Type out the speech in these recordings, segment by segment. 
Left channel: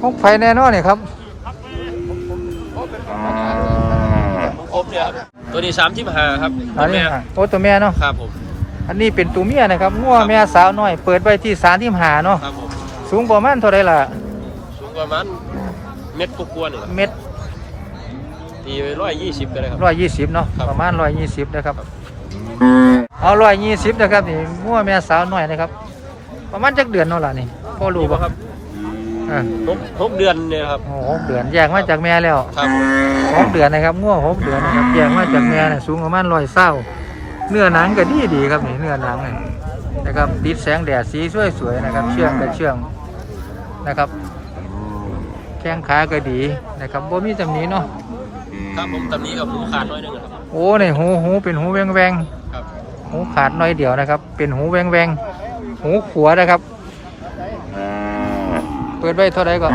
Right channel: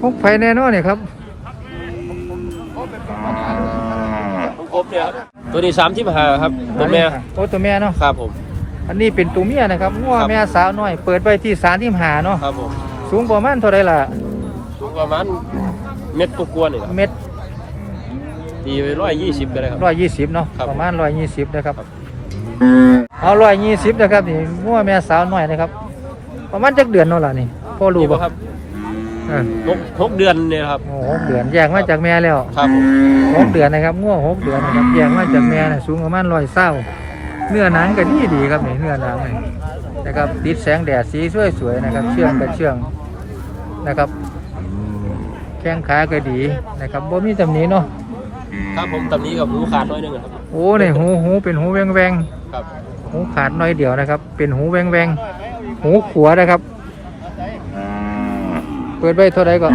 ของไผแน่นอนเนี่ยครับครบเลยครับตัวนี้สามที่หาครับอัตัวนนี้แม่โอ้ตัวแม่เนาะครับผมอันนี้เป็นตัวเมียนะครับงัวครับแม่สาวน้อย เปิดไว้ที่สามที่หาเนาะครับผมสูงประมาณเท่าไรล่ะสูงประมาณเม็ดกว่าๆหนึ่งเม็ดตีไปร้อยยี่สิบเลยครับร้อยยี่สิบเนาะครับประมาณร้อยยี่สิบนะครับเอาร้อยยี่สิบนะครับนี่งัวแม่สาวน้อยนะครับ ประมาณจักเดือนเนาะล่ะนี่พ่อรู้ปะครับ เออหกหกเดือนเนี่ยครับ โอ้หกเดือนแยกมาจากแม่แล้วครับผมหกเดือนนะครับงัวหกเดือนนะครับแยกมาจากแม่เนี่ยสูงประมาณร้อยเศร้าเนื้อหนังก็ดีดีครับนี่เนื้อหนังนี่นะครับติดแสงแดดสีสวยๆนะครับ เชื่องกับเชื่องนะครับแข้งขาก็ดีนะครับบ่มีตำหนิเนาะครับผมตอนนี้กับหูขาดน้อยหนึงครับ โอ้เนี่ยหูหูเป็นหูแวงแวงครับๆหูขาดน้อยเดียวนะครับ เป็นหูแวงแวงๆหูขัวนะครับ เปิดไว้เท่าไหร่ก็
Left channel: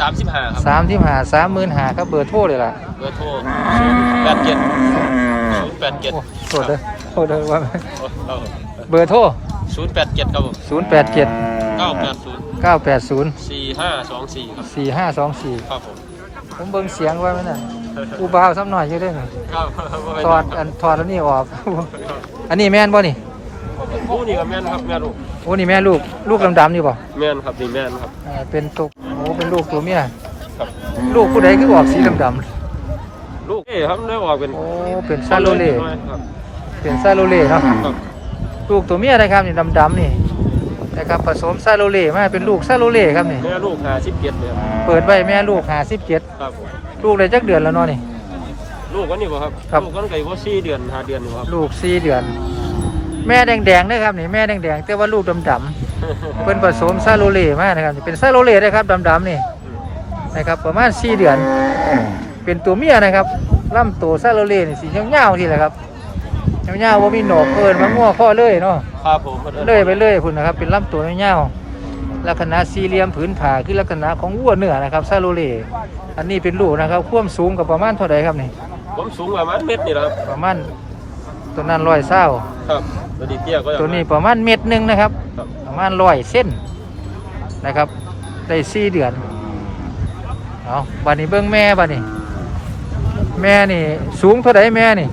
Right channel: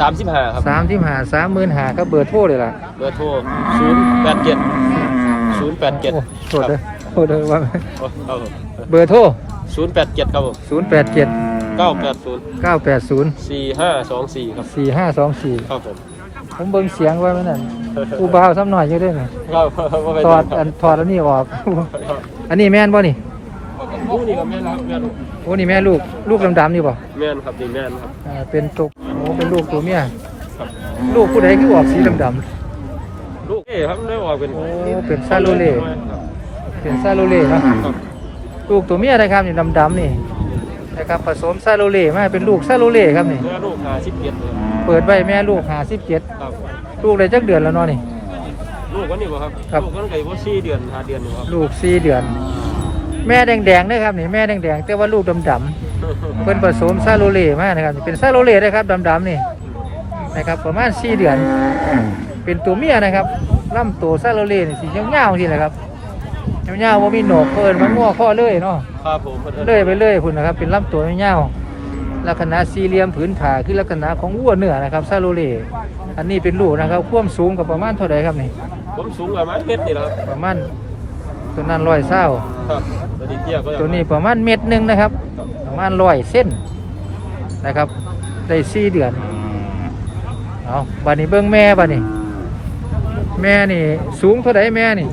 สามสิบห้าครับสามที่หาสามหมื่นหาครับเบอร์โทรเลยล่ะเบอร์โทรศูนย์แปดเจ็ดศูนย์แปดเจ็ดโอ้โทษเด้อโทษเด้อว่าเบอร์โทรศูนย์แปดเจ็ดครับผมศูนย์แปดเจ็ดเก้าแปดศูนย์เก้าแปดศูนย์สี่ห้าสองสี่ครับสี่ห้าสองสี่ครับผมผมเบิ่งเสียงไว้ไหมนั่นกูบ่าวซ้ำหน่อยอยู่เด้วยครับถอดอันถอดอันนี้ออก อันนี้แม่นบ่นี่ ผู้นี่ก็แม่นครับแม่ลูกโอ้นี่แม่ลูกลูกดำๆนี่บ่แม่นครับนี่แม่นครับอ่าเป็นตุกโอ้เป็นลูกตัวเมียลูกผู้ใดคือออกสีดำลูกเอ้ครับได้ออกเป็นๆโอ้เป็นซาโลเล่ เป็นซาโลเล่เนาะลูกตัวเมียนะครับนี่ดำๆนี่นะครับผสมซาโลเล่มาเป็นลูกซาโลเล่ครับนี่แม่ลูกหาสิบเจ็ดเลยครับเปิดไว้แม่ลูกหาสิบเจ็ดครับลูกได้จักเดือนแล้วเนาะนี่ ลูกกันนี่บ่ครับครับ ลูกกันไก่ว่าสี่เดือนห้าเดือนอยู่ครับลูกสี่เดือน แม่แดงๆนะครับนี่แม่แดงๆแต่ว่าลูกดำๆเพิ่นผสมซาโลเล่มานะครับนี่เป็นซาโลเล่นะครับดำๆนี่นะครับ ประมาณ4เดือน เป็นตัวเมียนะครับลำตัวซาโลเล่นี่สียาวๆทีแหละครับยาวๆว่ามีโหนกเกินมางัวข้อเลยเนาะครับผมเลยไปเลยพุ่นนะครับ เป็นลำตัวยาวๆลักษณะสี่เหลี่ยมผืนผ่าคือลักษณะของวัวเนื้อนะครับซาโลเล่อันนี้เป็นลูกนะครับความสูงกับประมาณเท่าไหร่ครับนี่ผมสูงประมาณเมตรนี่แหละครับประมาณ ตัวนั้นร้อยเศร้าครับตัวนี้เตี้ยก็ตัวนี้ประมาณเม็ดหนึ่งนะครับ ประมาณร้อยเส้นนะครับ ได้สี่เดือน เอาบัดนี้เบิ้งแม่บัดนี้ แม่นี่สูงเท่าไดแม่นี่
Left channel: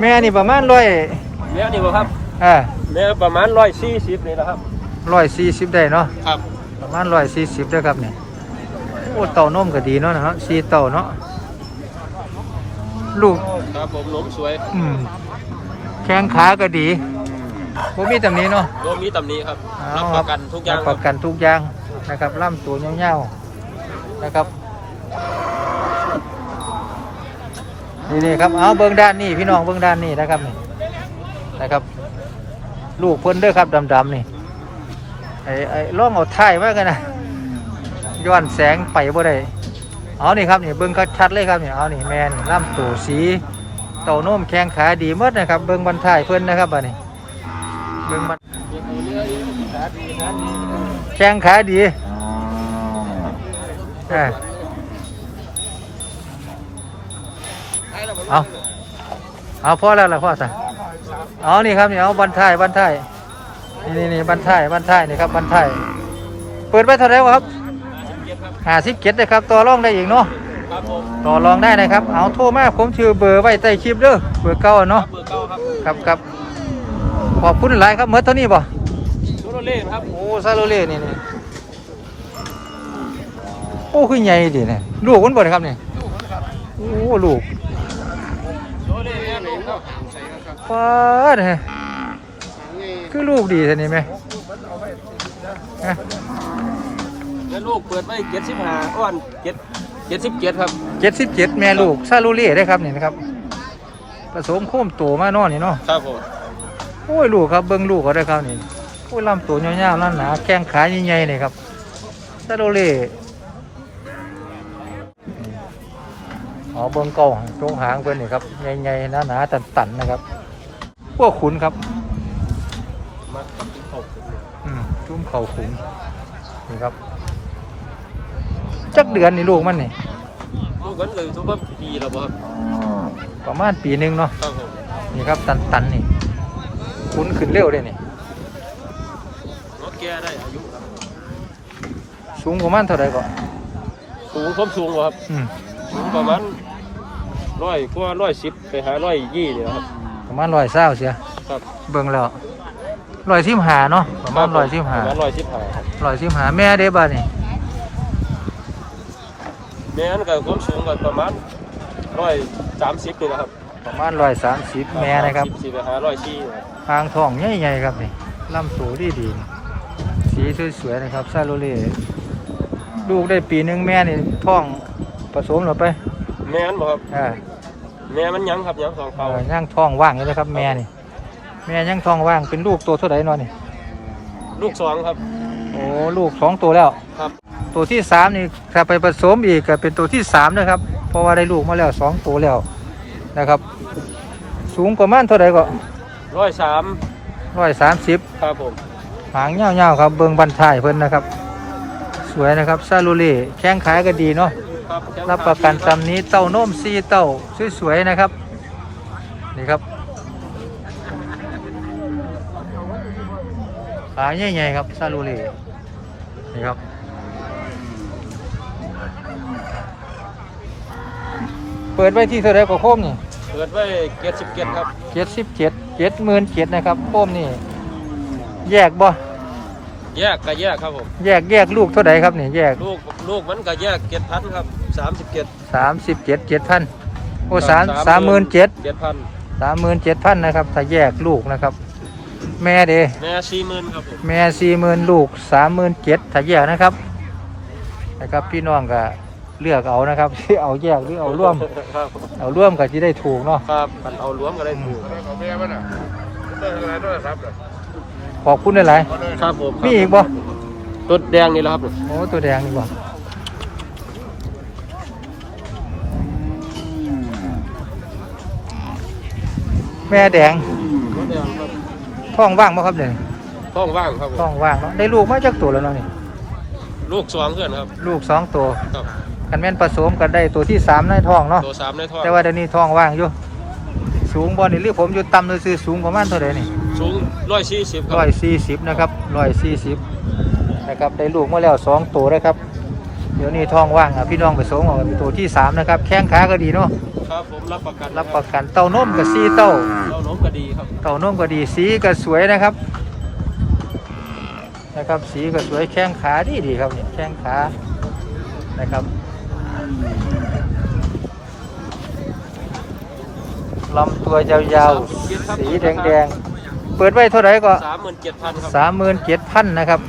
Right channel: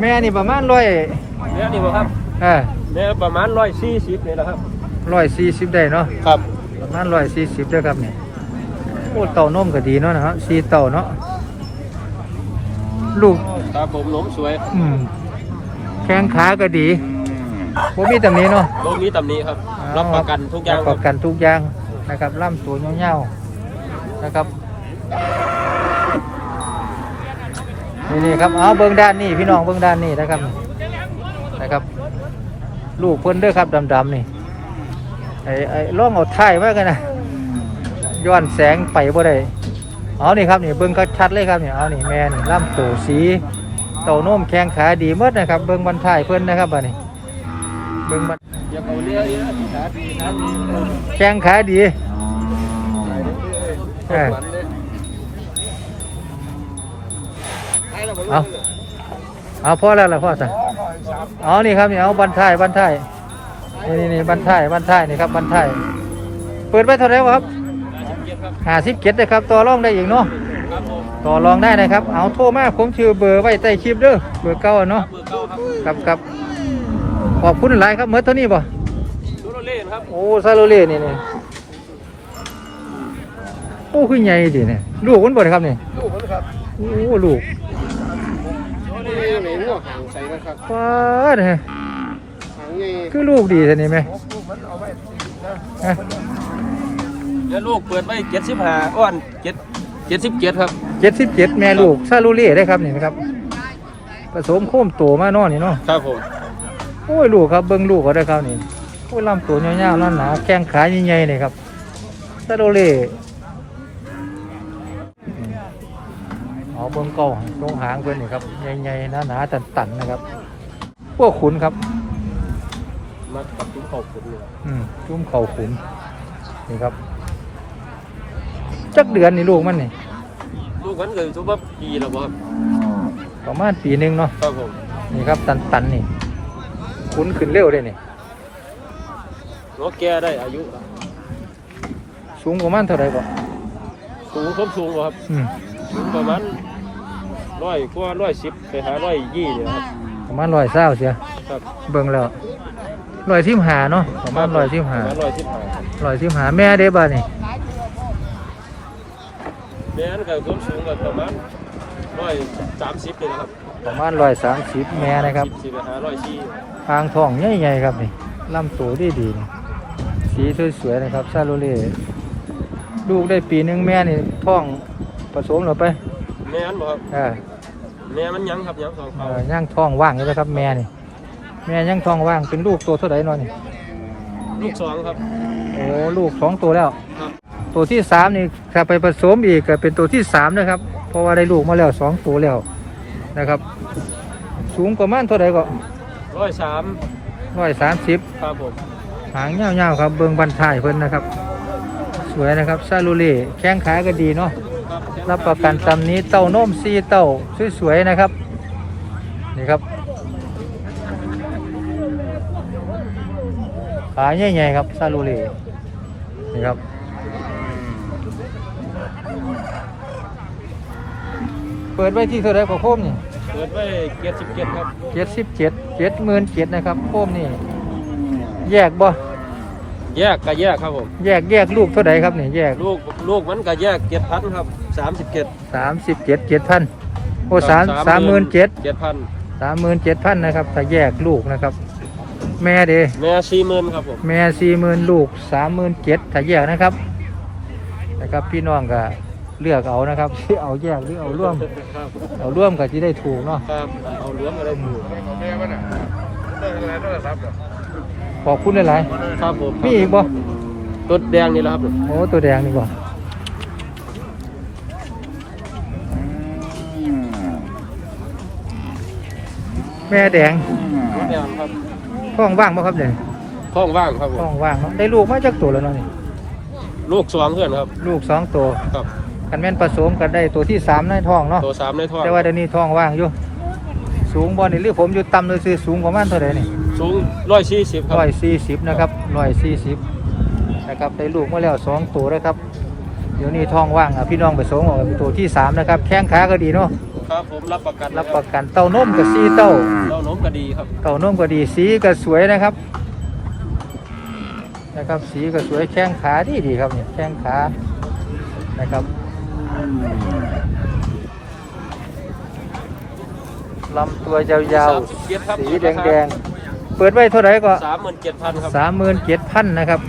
แม่นี่ประมาณร้อยแม่นี่บ่ครับอ่าแม่ประมาณร้อยสี่สิบเลยนะครับร้อยสี่สิบได้เนาะครับประมาณร้อยสี่สิบด้วยครับเนี่ย โอ้เต่านมก็ดีเนาะนะฮะสี่เต่าเนาะลูกครับผมหลงสวยอืมแข้งขาก็ดีผมมีตำหนี้เนาะโลมีตำหนี้ครับเอารับคปรัระบกันทุกอรัย่าบงประกันทุกอย่างนะครับล่ำตัวเงาวๆนะครับนี่นี่ครับเอาเบิ้งด้านนี่พี่น้องเบิ้งด้านนี่นะครับนี่นะครับ ลูกเพิ่นเด้อครับดำๆนี่ไอ้ไอ้ล่องเอาท้ายไว้กันนะ ย้อนแสงไปบ่ได้เอานี่ครับนี่เบิ้งชัดเลยครับนี่เอานี่แม่นี่ล่ำตัวสีเต่าโน้มแข้งขาดีหมดนะครับ เบิ้งบันทายเพิ่นนะครับบัดนี้เบิ้งบันอย่าไปเรื่อยๆขาดีขาดีแข้งขาดีเอาเอาพอแล้วล่ะพ่อสั่เอานี่ครับนี่เอาบันทายบันทายนี่นี่นี่บันทายบันทายนี่ครับบันทายเปิดไว้เท่าไหร่วะครับ ห้าสิบเจ็ดครับห้าสิบเจ็ดนะครับต่อรองได้อีกเนาะครับผมต่อรองได้นะครับ เอาโทรมาผมชื่อเบอร์ไว้ใต้คลิปเด้อเบอร์เก้าอะเนาะเบอร์เก้าครับครับครับขอบคุณหลายครับเมื่อเท่านี้บ่โซโลเล่ครับโอ้ซาโลเล่นี่นี่โอ้คือใหญ่ดิเนี่ยลูกมันบ่ได้ครับนี่ลูกผมครับโอ้ลูกโซโลเล่เหม็นหัวใส่นะครับป้าดฮะนี่คือลูกดีท่านี่ไหมฮะ แล้วลูกเปิดไปเจ็ดสิบห้าอ้อนเจ็ดเจ็ดสิบเจ็ดครับเจ็ดสิบเจ็ดแม่ลูกซาโลเล่ได้ครับนี่นะครับ ผสมโค้มโตมาเนอนี่เนาะ ครับผมโอ้ยลูกครับเบิ้งลูกเขาได้ครับนี่ โอ้ยลำตัวยาวๆหนาๆแข้งขาใหญ่ๆนี่ครับซาโลเล่นี่อ๋อเบิ้งกล้องตรงหางเพิ่นนี่ครับใหญ่ๆหนาๆตันๆนะครับ พวกขุนครับ มากับตุ้มเข่าขุนนี่อืมจุ้มเข่าขุนนี่ครับ จักเดือนนี่ลูกมันนี่ลูกมันเลยทุกปีแล้วมั้งประมาณปีหนึ่งเนาะครับผมนี่ครับตันตันๆนี่ขุนขึ้นเร็วเลยนี่รถแกได้อายุแล้วสูงประมาณเท่าไหร่ก็สูงสมสูงบ่ครับอืมสูงประมาณร้อยกว่าร้อยสิบไปหาร้อยยี่เลยครับประมาณร้อยเศร้าเสียครับเบิ่งแล้วร้อยสิบหาเนาะประมาณร้อยสิบหาร้อยสิบห้าร้อยสิบหาแม่เด้บ้านี่แม่นก็ความสูงก็ประมาณร้อยสามสิบตัวครับประมาณร้อยสามสิบแม่นะครับสี่ไปหาร้อยสี่ทางทองใหญ่ๆครับนี่ลำตัวดีดีๆนี่สีสวยๆนะครับซาโรเล่ลูกได้ปีหนึ่งแม่นี่ท้องผสมหรือไป แม่นบ่ครับเออแม่มันยังครับยังสองเอเขาอย่างท้องว่างอยู่เลยครับ แม่นี่ แม่ย่างท้องว่างเป็นลูกตัวเท่าไหร่นอนนี่ลูกสองครับ โอ้ลูกสองตัวแล้วครับ ตัวที่สามนี่ถ้าไปผสมอีกก็เป็นตัวที่สามนะครับ เพราะว่าได้ลูกมาแล้วสองตัวแล้วนะครับ สูงประมาณเท่าไหร่ก็ร้อยสามร้อยสามสิบครับผมหางยาวๆครับ เบิงบันทายเพิ่นนะครับ สวยนะครับซาลูเล่แข้งขายก็ดีเนาะครับรับประกันตำนี้เต้านมซีเต้าสวยๆนะครับนี่ครับขาใหญ่ๆครับซาลูเล่นี่ครับ เปิดไว้ที่เท่าไรก็โคมนี่เปิดไว้เจ็ดสิบเจ็ดครับเจ็ดสิบเจ็ดเจ็ดหมื่นเจ็ดนะครับโคมนี่ แยกบ่แยกก็แยกครับผมแยกแยกลูกเท่าไรครับนี่แยกลูกลูกมันก็แยกเจ็ดพันครับสามสิบเจ็ดสามสิบเจ็ดเจ็ดพันโอ้สามสามหมื่นเจ็ดเจ็ดพันสามหมื่นเจ็ดพันนะครับ ถ้าแยกลูกนะครับ แม่เดแม่สี่หมื่นครับผมแม่สี่หมื่นลูกสามหมื่นเจ็ดถ้าแยกนะครับนะครับพี่น้องก็ เลือกเอานะครับที่เอาแยกหรือเอาร่วมครับเอาร่วมก็จะได้ถูกเนาะครับมันเอาล้วงก็ได้ถูกขอบคุณหลายครับผมๆมีอีกบ่ตัวแดงนี่แหละครับโอ้ตัวแดงนี่บ่แม่แดงแดงครับท้องว่างบ่ครับเนี่ยท้องว่างครับท้องว่างเนาะได้ลูกมาจากตัวแล้วเนาะนี่ลูกสองเพื่อนครับ ลูกสองตัวครับ คันแม่นผสมกันได้ตัวที่สามในท้องเนาะตัวสามในท้องแต่ว่าเดี๋ยวนี้ท้องว่างอยู่ สูงบอนี่หรือผมอยู่ต่ำเลยซื้อสูงประมาณเท่าไหร่นี่สูงร้อยสี่สิบคร้รัอบยสี่สิบนะครับร้อยสี่สิบนะครับได้ลูกมาแล้วสองตัวแล้วครับ เดี๋ยวนี้ท้องว่างอะพี่น้องไปสมออกเป็นตัวที่สามนะครับแข้งขาก็ดีเนาะครับผมรับประกันรับประกันเต้านมกับซีเต้าเราล้มก็ดีครับเต้านมก็ดีสีก็สวยนะครับนะครับสีก็สวยแข้งขาดีดีครับเนี่ยแข้งขานะครับ ลำตัวยาวๆ สีแดงๆ เปิดไว้เท่าไหร่ก็สามหมื่นเจ็ดพันครับสามหมื่นเจ็ดพันนะครับ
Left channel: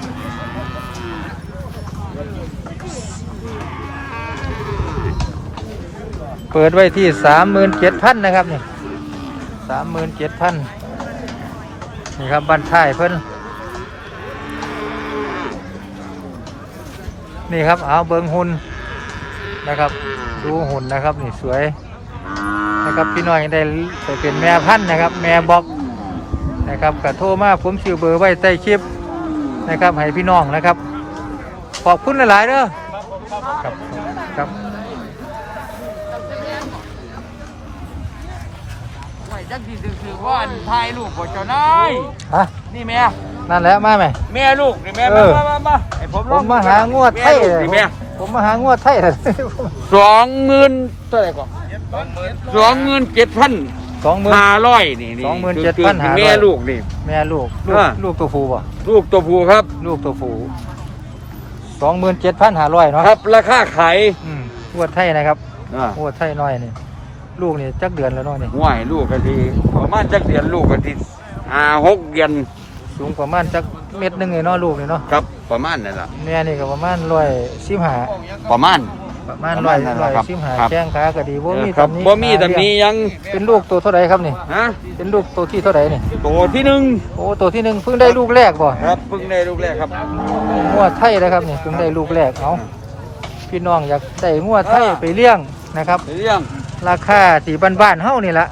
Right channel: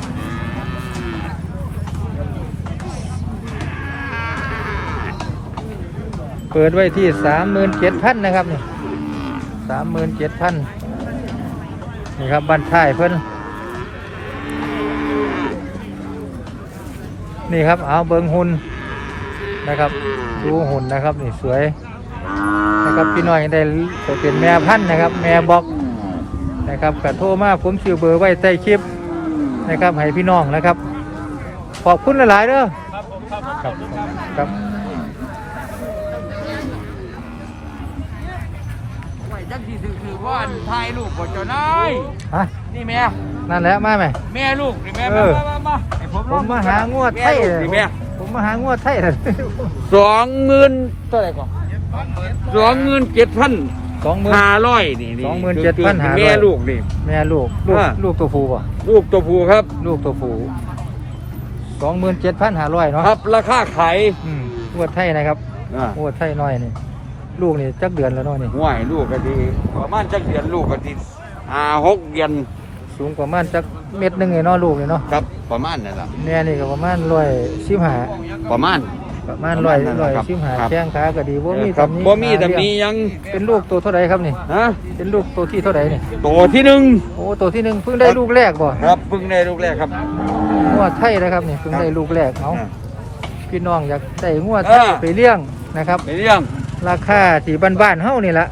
เปิดไว้ที่สามหมื่นเจ็ดพันนะครับนี่สามหมื่นเจ็ดพันนี่ครับบันท้ายเพิ่นนี่ครับเอาเบิงหุ่นนะครับ ดูหุ่นนะครับนี่สวย นะครับพี่น้อยได้ไปเป็นแม่พันธุ์นะครับ แม่บอกนะครับกระโทรมาผมซื้อเบอร์ไว้ใต้คลิปนะครับให้พี่น้องนะครับ ขอบคุณหลาย ๆเด้อครับผมครับผมครับขอณครับครับจังที่คือว่าอันถ่ายรูปผมเจ้านายฮะนี่แม่นั่นแหละมาไหมแม่ลูกนี่แม่เอมาอมามามาให้ผมผมมาหางวดไทยเลยนี่แม่ผมมาหางวดไทยเลยสองหมื่นเท่าไหร่ก่อน สองหมื่นเจ็ดพันสองหมื่น ห้าร้อยนี่สองหมื่นเจ็ดพันห้าร้อย แม่ลูกนี่ แม่ลูกลูกอ่า ลูกตัวผู้ป่ะลูกตัวผู้ครับลูกตัวผู้สองหมื่นเจ็ดพันห้าร้อยเนาะครับราคาขายอืมงวดไทยนะครับอ่างวดไทยน้อยนี่ ลูกนี่จักเดือนแล้วเนาะนี่ห่วยลูกกะทีประมาณจักเดือนลูกกะทีห้าหกเดือนสูงประมาณจักเม็ดหนึงเลยเนาะลูกนี่เนาะครับประมาณนั่นแหละแม่นี่ก็ประมาณร้อยสิบห้าประมาณ ประมาณร้อยร้อยสิบห้าครับแข้งขาก็ดีว่ามีครับตำหนี้บ่มีตำหนี้ยังเป็นลูกตัวเท่าไหร่ครับนี่ฮะเป็นลูกตัวที่เท่าไหร่นี่ตัวที่หนึ่งโอ้ตัวที่หนึ่งเพิ่งได้ลูกแรกบ่ครับเพิ่งได้ลูกแรกครับงวดไทยนะครับนี่เพิ่งได้ลูกแรกเอาพี่น้องอยากได้งวดไทยไปเลี้ยงนะครับเห็นยังราคาที่บ้านๆเฮานี่ละ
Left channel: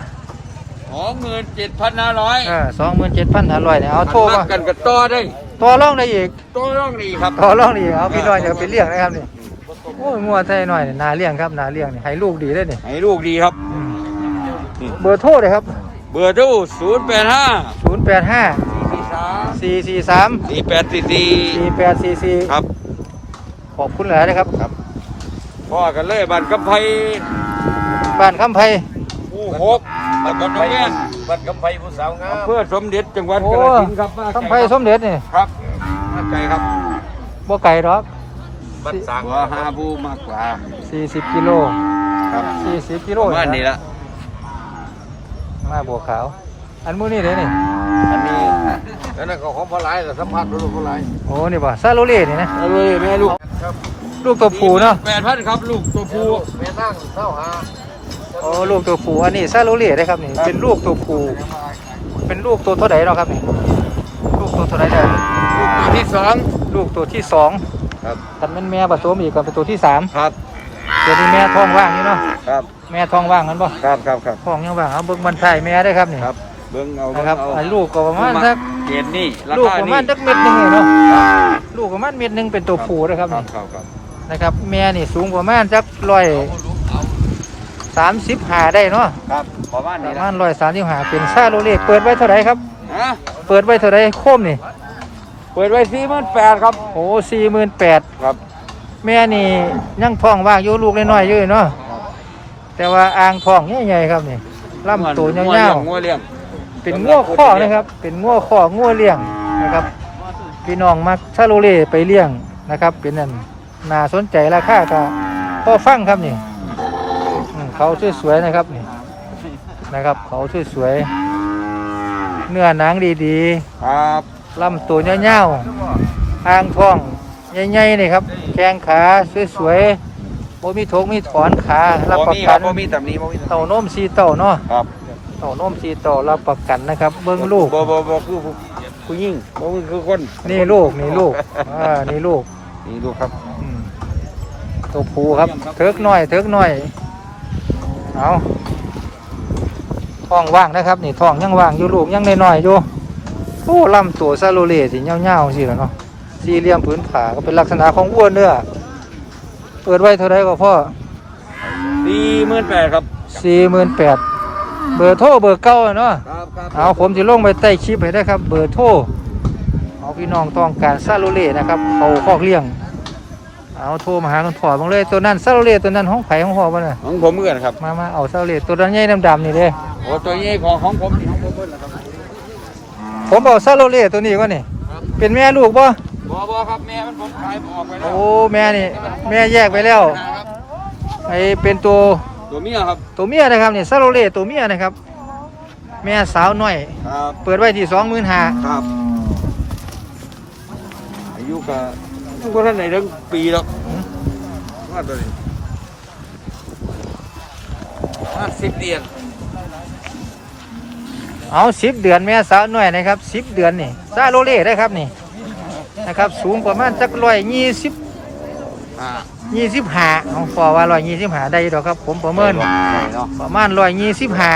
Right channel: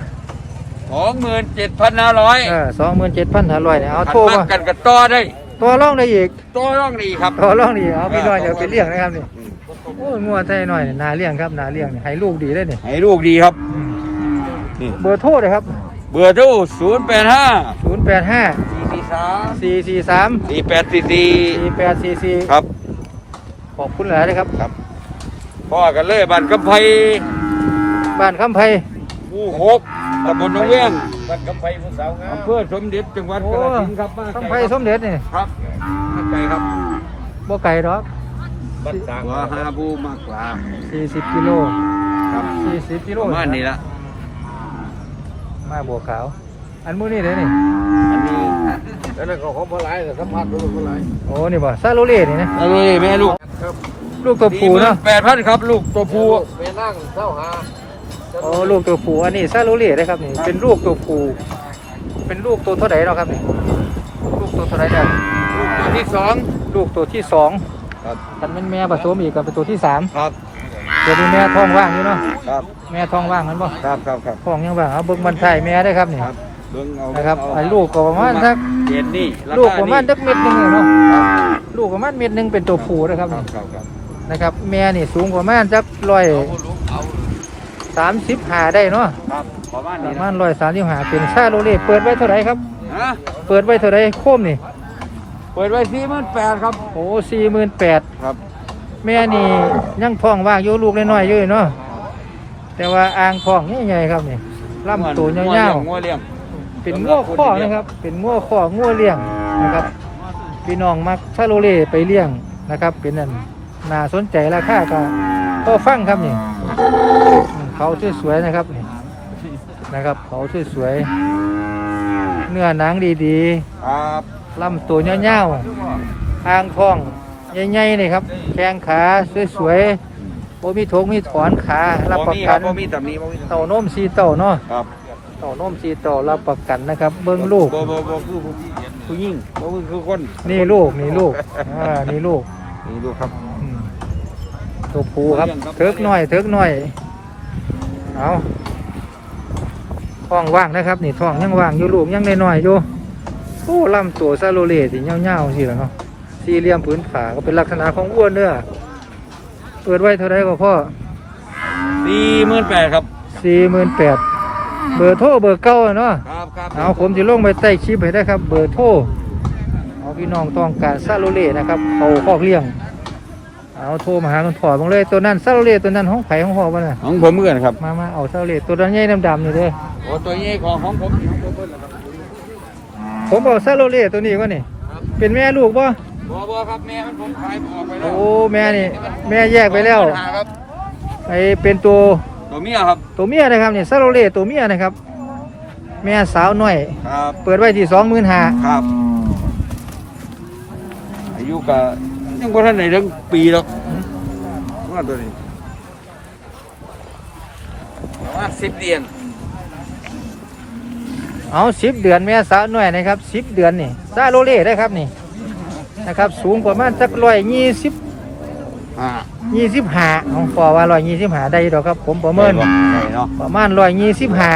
สองหมื่นเจ็ดพันห้าร้อยเออสองหมื่นเจ็ดพันห้าร้อยเนี่ยเอาโทรมากันกับต่อได้ต่อรองได้อีกต่อต้องดีครับต่อรองได้อีกเอาพี่น้องอยากไปเลี้ยงนะครับนี่ โอ้ยงวดไทยหน่อยนี่นาเลี้ยงครับนาเลี้ยงนี่ให้ลูกดีเลยนี่ให้ลูกดีครับอืมนี่เบอร์โทรเลยครับ เบอร์โทรศูนย์แปดห้าศูนย์แปแปดห้าสี่สี่สามสี่แปดสี่สี่สี่แปดสี่สี่ครับ ขอบคุณหลายนะครับพ่อกันเลยบ้านกำไพบ้านคำไพหมู่หกตำบลหนองเรื่องบ้านกำไพผู้สาวงามอำเภอสมเด็จจังหวัดโอ้กาฬสินธุ์ครับมาคำไพสมเด็จนี่ครับมาไกลครับบ่ไก่หรอก บ้านสางว่าหาผู้มากกว่าสี่สิบกิโลครับสี่สิบกิโลบ้านนี้นะละมาบัวขาว อันมื้อนี้เด้นี่อันนี้อันนั้นก็ของพลายแต่สัมผัสดูพลายโอ้นี่บ่ซาโลเล่นี่นะนี่แม่ลูกลูกตัวผู้เนาะแปดพันครับลูกตัวผู้แม่นั่งเท่าหาโอ้ลูกตัวผู้อันนี้ซาโลเล่ได้ครับนี่เป็นลูกตัวผู้เป็นลูกตัวเท่าไหร่เนาะครับนี่ลูกตัวเท่าไหร่เด้อตัวที่สองลูกตัวที่สอง ครับ กันเป็นแม่ผสมอีกกันเป็นตัวที่สามครับ เดี๋ยวนี้แม่ท้องว่างอยู่เนาะครับ แม่ท้องว่างมันบ่ครับครับครับท้องยังว่างเอาเบิ่งบรรทายแม่ได้ครับนี่ครับ เบิ้งเอานะครับเาไอ้ลูกก็ประมาณสักเกณฑ์นี่คลูกประมาณสักเม็ดหนึงเนาะครับลูกประมาณเม็ดหนึงเป็นตัวผู้นะครับครันี่บครับนะครับแม่นี่สูงประมาณสักร้อยสามสิบหาได้เนาะครับประมาณปนี้ระมาณร้อยสามสิบหาเป็นซาโลเล่เปิดไว้เท่าไหร่ครับ นะเปิดไว้เท่าไหร่โคมนี่เปิดไว้สี่หมื่นแปดครับ โอ้สี่หมื่นแปดครับ แม่นี่ยังท้องว่างอยู่ลูกน้อยๆอยู่เนาะแต่ว่าอ่างท้องใหญ่ๆครับนี่ลำตัวยาวๆงัวเลี้ยงเป็นง้อข้อนะครับ เป็นง้อข้อง้อเลี้ยงนะครับพี่น้องมาชาโลเล่ไปเลี้ยงนะครับ เป็นนั่นน่าสนใจราคาก็ก็ฟังครับนี่อืมเขาสวยๆนะครับนี่นะครับ เขาสวยๆเนื้อหนังดีครับๆ ลำตัวยาวๆอ่างท้องใหญ่ๆนี่ครับแข้งขาสวยๆโบมีถกมีถอนขารับประกันบ่มีตำหนิบ่มีเต่านมสีเต่าเนาะครับเต่านมสีเต่ารับประกันนะครับ เบิ้งลูกบ่บ่บ่คือผู้หญิงบ่คือคนนี่ลูกนี่ลูกอ่านี่ลูกนี่ลูกครับอืมตัวผูครับเถิกหน่อยเถิกหน่อยเอาท้องว่างนะครับ นี่ท้องยังว่างอยู่ลูกยังน้อยๆอยู่ โอ้ลำตัวซาโลเลสิเงาๆสิล่ะเนาะสี่เหลี่ยมผืนผาก็เป็นลักษณะของวัวเนื้อเปิดไว้เท่าไรก็พ่อสี่หมื่นแปดครับสี่หมื่นแปดเบอร์โทรเบอร์เก้าอะเนาะครับครับเอาผมจะลงไปใต้คลิปให้ได้ครับ เบอร์โทรเอาพี่น้องต้องการซาโลเล่นะครับเขาคอกเลี้ยง เอาโทรมาหาคุณพ่อบังเลยตัวนั้นซาโลเล่ตัวนั้นห้องไผ่ของพ่อบ้าน่ะของผมเหมือนครับมามาเอาซาโลเล่ตัวนั้นใหญ่ดำๆนี่เด้โอ้ตัวนี้ของของผมนี่ของผมเพิ่นล่ะครับ ผมเอาซาโลเล่ตัวนี้ก็นี่ เป็นแม่ลูกป่ะบ่บ่ครับแม่มันผมขายออกไปแล้โอ้วแม่นี่ แม่แยกไปแล้วครับไอเป็นตัวตัวเมียครับตัวเมียนะครับนี่ซาโลเล่ตัวเมียนะครับ แม่สาวน้อย ครับเปิดไว้ที่สองหมื่นห้าครับอายุก็ยังบ่ทันได้ถึงปีหรอกว่าตัวนี้ห้าสิบเดือน เอาสิบเดือนแม่สาวน้อยนะครับสิบเดือนนี่ซาโลเล่ได้ครับนี่นะครับ สูงประมาณสักร้อยยี่สิบยี่สิบห้าของฟอว่าร้อยยี่สิบห้าได้ดอกครับ ผมประเมินเนาะประมาณร้อยยี่สิบห้า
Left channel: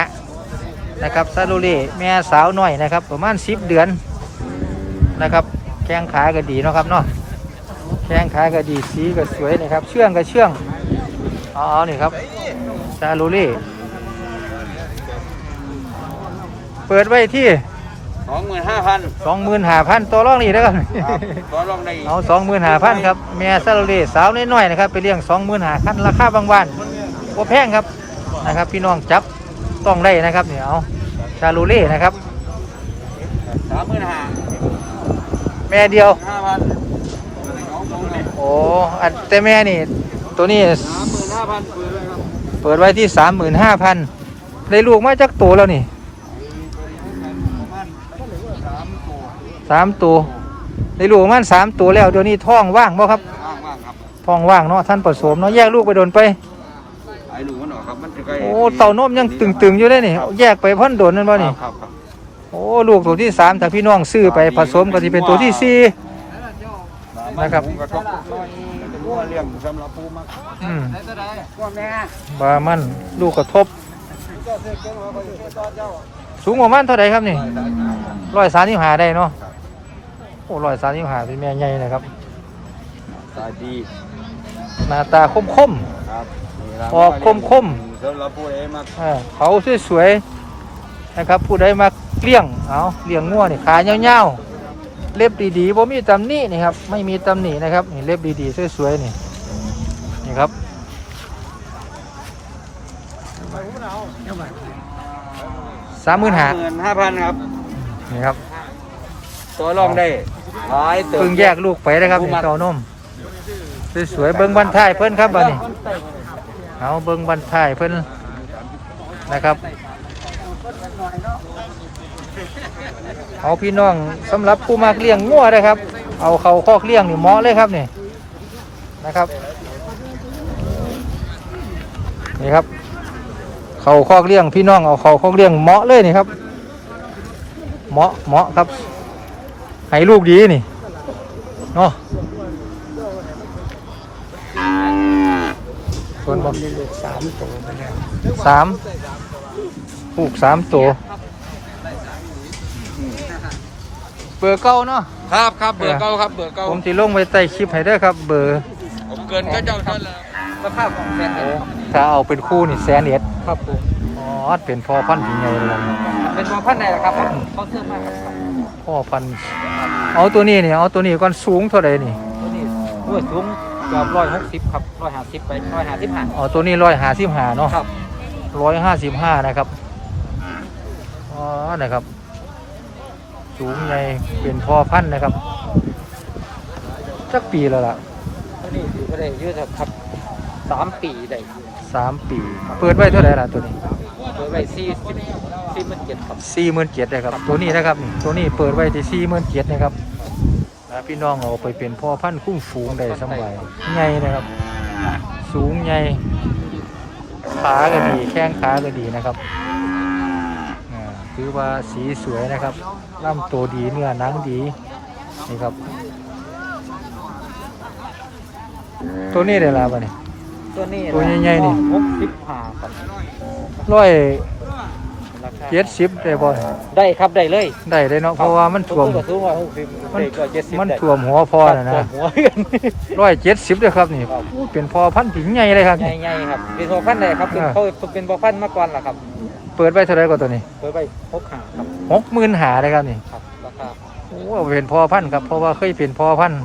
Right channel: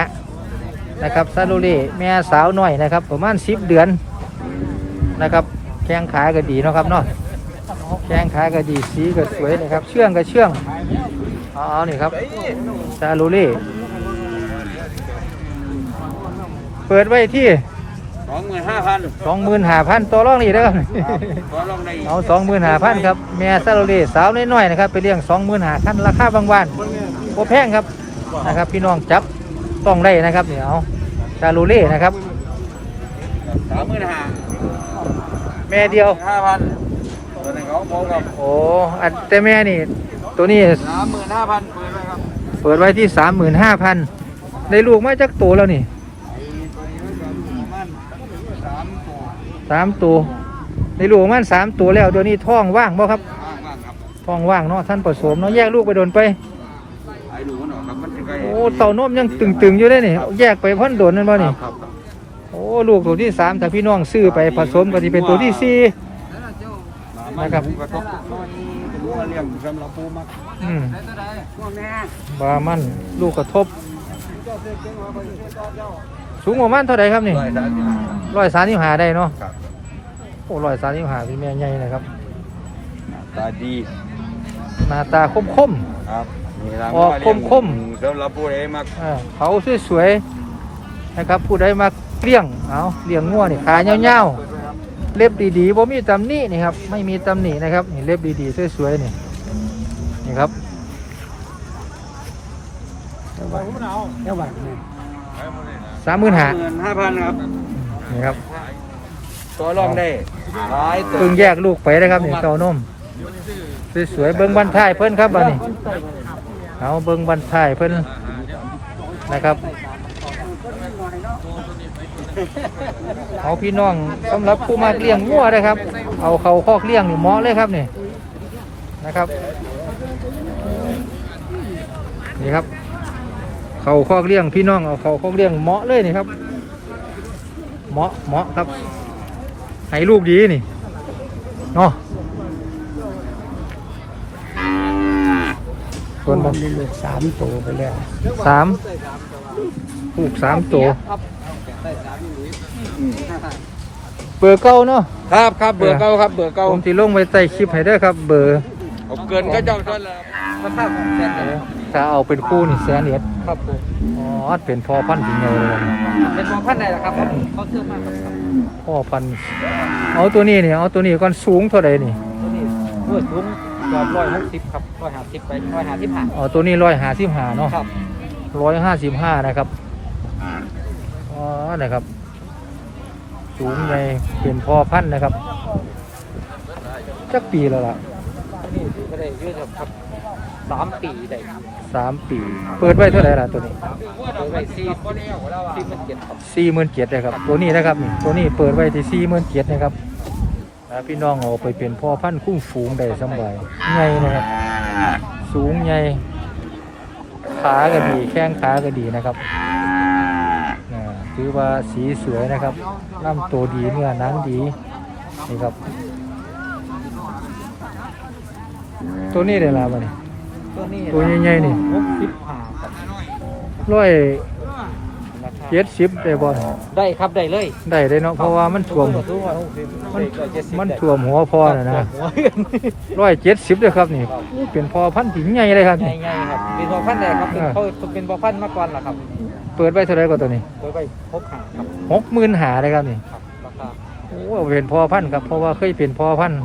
นะครับซาโลเล่แม่สาวน้อยนะครับ ประมาณสิบเดือนนะครับแข้งขาก็ดีนะครับเนาะแข้งขาก็ดีสีก็สวยนะครับเชื่องก็เชื่องเอาเอนี่ครับซาโลเล่เปิดไว้ที่สองหมื่นห้าพันสองหมื่นห้าพันตัวรองนี่นะครับ ต่อรองได้เอาสองหมื่นห้าพันครับแม่ซาโลเล่สาวน้อยๆนะครับไปเลี้ยงสองหมื่นห้าพันราคาบางวันโอแพงครับนะครับ พี่น้องจับต้องได้นะครับเนี่ยเอาซาโลเล่นะครับ สามหมื่นห้าแม่เดียว ห้าพันตัวนี้ของผมครับโอ้อันแต่แม่นี่ ตัวนี้สามหมื่นห้าพันเปิดไว้ครับเปิดไว้ที่สามหมื่นห้าพันได้ลูกมาจากตัวแล้วนี่ ไอ้ตัวนี้มันกันประมาณสามตัว สามตัวได้ลูกประมันสามตัวแล้วเดี๋ยวนี้ท้องว่างบ่ครับมากมากครับท้องว่างเนาะท่านผสมเนาะแยกลูกไปโดนไปไอ้หนูมันออกครับมันจะไกลโอ้เต่านมยังตึงๆอยู่ได้นี่แยกไปพ่นโดนนั่นบ่นี่ครับโอ้ลูกตัวที่สามถ้าพี่น้องซื้อไปผสมก็จะเป็นตัวที่สี่นะครับหมูกระทบเป็นหัวเลี้ยงสำหรับปูมักอืมว่าแม่บามันลูกกระทบ สูงประมาณเท่าไหร่ครับนี่ร้อยสามสิบห้าได้เนาะ โอ้ร้อยสามสิบห้าเป็นแม่ใหญ่นะครับตาดีหน้าตาคมคมครับนี่ล่ะออกคมๆสำหรับผู้ใดมักๆอ่าเขาสวยๆนะครับ ผู้ใดมาเลี้ยงเอาเลี้ยงงัวนี่ขายเงาวๆเล็บดีๆบ่มีตำหนินี่ครับไม่มีตำหนินะครับนี่เล็บดีๆสวยๆนี่นี่ครับเจ้าบ้านสามหมื่นห้าหมื่นห้าพันครับนี่ครับ ตัวลองได้หลายตัวเพิ่งแยกลูกไปนะครับนี่เต้านมสวยๆเบิ้งบันท้ายเพิ่นครับบัดนี้เอาเบิ้งบันท้ายเพิ่นนะครับเอาพี่น้องสำหรับผู้มากเลี้ยงงัวนะครับ เอาเขาคอกเลี้ยงนี่เหมาะเลยครับนี่นะครับนี่ครับ เขาคอกเลี้ยงพี่น้องเอาเขาคอกเลี้ยงเหมาะเลยนี่ครับ เหมาะเหมาะครับ ให้ลูกดีนี่เนาะส่วนบ่สามตัวไปแล้วสามผูกสามตัวเบอร์เก้าเนาะครับครับเบอร์เก้าครับเบอร์เก้าผมสิลงไว้ใต้คลิปให้เด้อครับ เบอร์ผมเกินก็จะได้เลยครับถ้าเอาเป็นคู่นี่แสนเอ็ดครับผมอ๋อเป็นพ่อพันธุ์ถึงไงเลยนี่เป็นมาพันไหนครับเขาซื้อมา พ่อพันธุ์เอาตัวนี้นี่เอาตัวนี้ก่อนสูงเท่าไหร่นี่นี่ด้วยสูงเกือบร้อยหกสิบครับร้อยห้าสิบไปร้อยห้าสิบห้าเอาตัวนี้ร้อยห้าสิบห้าเนาะครับร้อยห้าสิบห้านะครับอ๋อนะครับ สูงใหญ่เป็นพอพันธุ์นะครับจักปีแล้วล่ะนี่ถือว่าได้เยอะครับสามปีได้ สามปี เปิดไว้เท่าไหร่ล่ะตัวนี้ไว้สี่สี่หมื่นเจ็ดครับสี่หมื่นเจ็ดนะครับ ตัวนี้นะครับนี่ตัวนี้เปิดไว้ที่สี่หมื่นเจ็ดนะครับนะพี่น้องเอาไปเป็นพ่อพันธุ์คุ้มฝูงได้สบายใหญ่นะครับ สูงใหญ่ขาก็ดีแข้งขาก็ดีนะครับอ่คือว่าสีสวยนะครับลำตัวดีเนื้อหนังดีนี่ครับ ตัวนี้ได้ละบ่เนี่ย นี้ตัวใหญ่ๆนี่หกสิบห้าร้อยราคาเจ็ดสิบได้บ่เนี่ยได้ครับได้เลยได้เลยเนาะเพราะว่ามันท่วม สูงกว่าหกสิบมันได้ก็เจ็ดสิบมันได้ท่วมหัวพอน่ะนะหัวกันร้อยเจ็ดสิบเลยครับนี่อู้เป็นพอพันธุ์ถึงใหญ่เลยครับนี่ ง่ายๆครับเป็นพอพันธุ์เลยครับเป็นอ่า เขาเป็นพอพันธุ์มาก่อนล่ะครับเปิดไว้เท่าไหรก็ตัวนี้โดยไปพบหาครับหกหมื่นหาเลยครับนี่ครับราคาโอ้เป็นพอพันธุ์ครับเพราะว่าเคยเป็นพอพันธุ์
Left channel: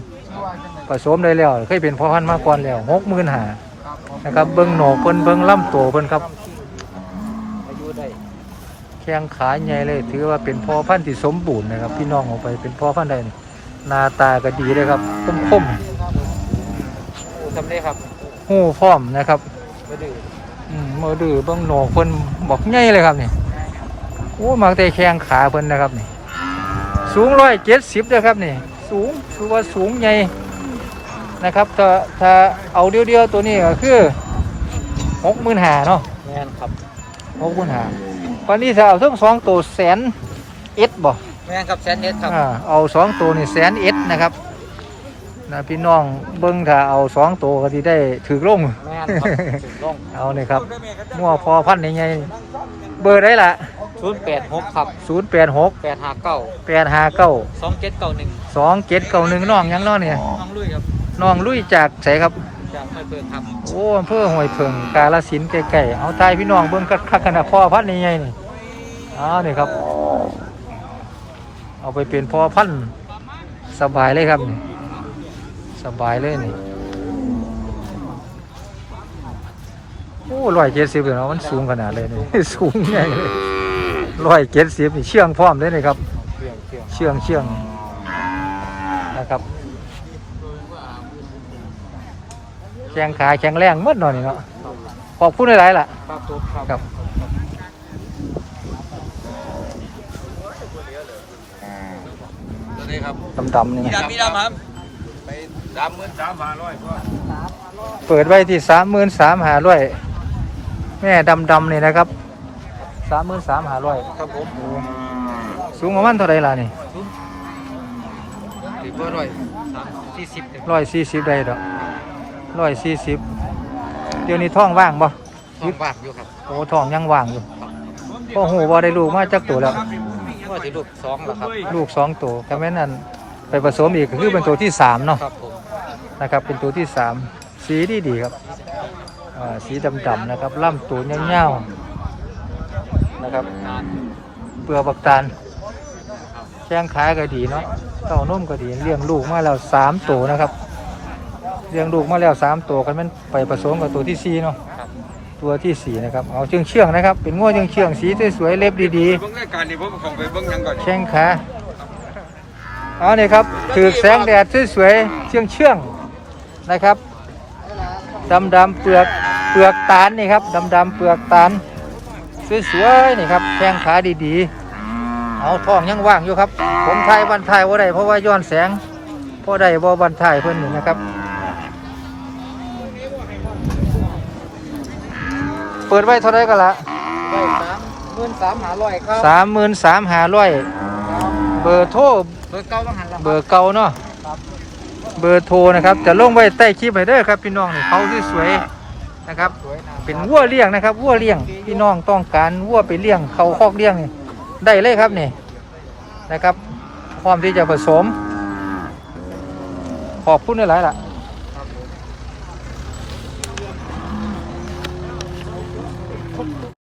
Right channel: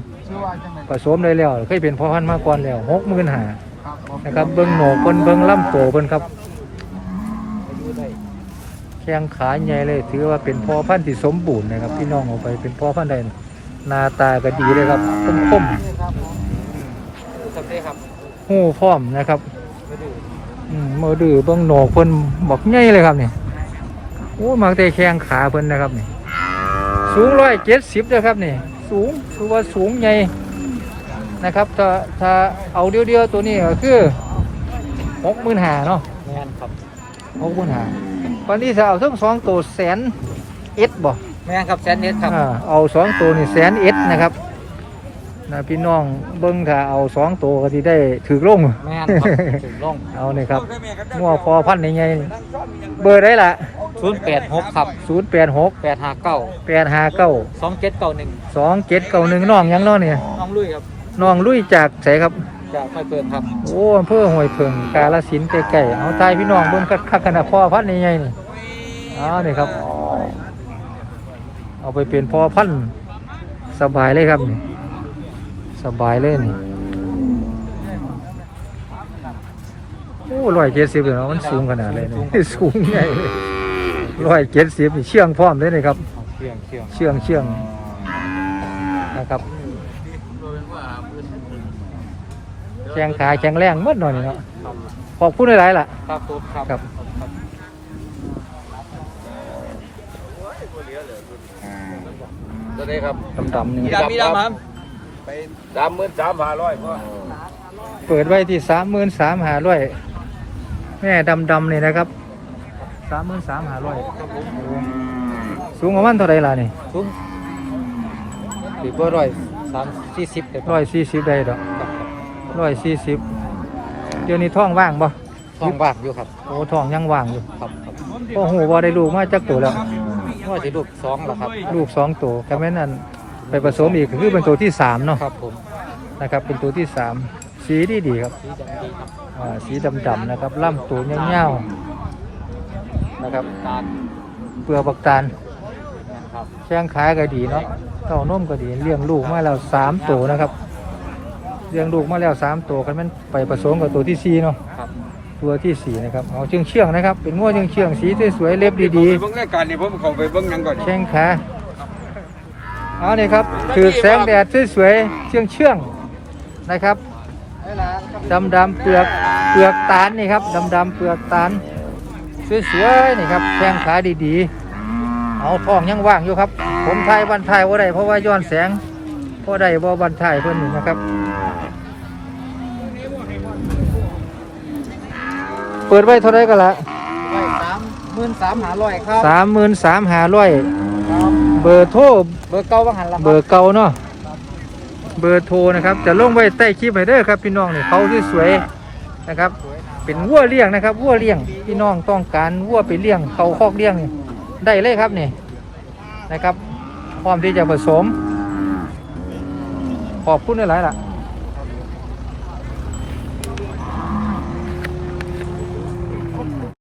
ผสมได้แล้ว เคยเป็นพอพันธุ์มาก่อนแล้วหกหมื่นหา นะครับ เบิ้งโหนกเพิ่นเบิ้งลำตัวเพิ่นครับอายุได้แข้งขาใหญ่เลย ถือว่าเป็นพอพันธุ์ที่สมบูรณ์นะครับ พี่น้องเอาไปเป็นพอพันธุ์ได้นี่หน้าตาก็ดีเลยครับคมคมทำได้ครับๆหูพร้อมนะครับไม่ดื้ออืมมือดื้อเบิ้งโหนกเพิ่นบอกใหญ่เลยครับนี่โอ้มาแต่แข้งขาเพิ่นนะครับนี่สูงร้อยเจ็ดสิบนะครับนี่สูงถือว่าสูงใหญ่ นะครับถ้าถ้าเอาเดียวๆตัวนี้ก็คือหกหมื่นหาเนาะงานครับหกหมื่นหาวันนี้ถ้าเอาทั้งสองตัวแสนเอ็ดบ่งานครับแสนเอ็ดครับอ่าเอาสองตัวนี่แสนเอ็ดนะครับนะพี่น้องเบิ้งถ้าเอาสองตัวก็ที่ได้ถือลงงานครับถูกลงเอาเนี่ยครับงัวพอพันในไงเบอร์ได้ละศูนย์แปดหกครับศูนย์แปดหกแปดห้าเก้าแปดห้าเก้าสองเจ็ดเก้าหนึ่งสองเจ็ดเก้าหนึ่งน้องหยังน้องเนี่ย น้องลุยครับ น้องลุยจากไสครับ จากไฟเปิดครับ โอ้อำเภอห้วยเพิงกาลสินธุ์ใกล้ๆเอาทายพี่น้องเบิ่งคักๆขนาดพ่อพันธุ์นี่ไงนี่เอานี่ครับ เอาไปเป็นพ่อพันธุ์สบายเลยครับนี่สบายเลยนี่ โอ้ร้อยเจ็ดสิบเลยเนาะมันสูงขนาดเลยนี่ สูงใหญ่เลยร้อยเจ็ดสิบนี่เชื่องพร้อมเลยนี่ครับ เชียงเชียงเชื่องเชื่องนะครับ แข็งขาแข็งแรงหมดหน่อยนี่เนาะขอบคุณหลายๆล่ะ ครับผมครับจะได้ครับดำๆนี่นะยามีน้ำครับไปสามหมื่นสามห้าร้อยเปิดไว้ที่สามหมื่นสามหาร้อยแม่ดำๆนี่นะครับสามหมื่นสามหาร้อยครับผมสูงประมาณเท่าไรล่ะนี่ทุกตีก็ร้อยสามสี่สิบเลยร้อยสี่สิบได้ดอก ร้อยสี่สิบเดี๋ยวนี้ท้องว่างบ่ท้องว่างอยู่ครับโอ้ท้องยังว่างอยู่ครับพ่อหูบ่ได้ลูกมาจักตัวแล้วก็จะลูกสองแล้วครับลูกสองตัวแค่แม่นนั่นไปผสมอีกก็คือเป็นตัวที่สามเนาะครับผมนะครับ เป็นตัวที่สามสีดีดีๆครับอ่าสีดำๆนะครับล่ำตัวยาวๆนะครับ เปลือกบักตาลคครับแข้งขาก็ดีเนาะเต้านมก็ดีเลี้ยงลูกมาแล้วสามตัวนะครับ เลี้ยงลูกมาแล้วสามตัวกันมันไปผสมกับตัวที่สี่เนาะครับตัวที่สี่นะครับเอาเชื่องเชื่องๆนะครับ เป็นง้วเชื่องเชื่องๆสีสวยๆเล็บดีเบิ่งรายการนี่ผมเข้าไปเบิ่งหยังก่อนๆแข้งขาเอ๋อนี่ครับถือแสงแดดสวยๆเชื่องเชื่องๆนะครับดำดำๆเปลือกเปลือกตาลนี่ครับดำดำๆเปลือกตาลสวยๆนี่ครับแข้งขาดีๆ เอาท้องยังว่างอยู่ครับ ผมถ่ายวันถ่ายว่าได้เพราะว่าย้อนแสงเพราะได้บ่วันถ่ายเพิ่นนี่นะครับ เปิดไว้เท่าไรก็ละหมื่นสามหาร้อยครับสามหมื่นสามหาร้อยเบอร์โทรเบอร์เก้าบ้างหันละเบอร์เก่าเนาะเบอร์โทรนะครับ จะลงไว้ใต้คลิปให้เด้อครับพี่น้องนี่เขาสวยๆนะครับ เป็นวัวเลี้ยงนะครับวัวเลี้ยงพี่น้องต้องการวัวไปเลี้ยงเขาคอกเลี้ยงนี่ได้เลยครับนี่นะครับพร้อมที่จะผสมขอบคุณหลายๆล่ะ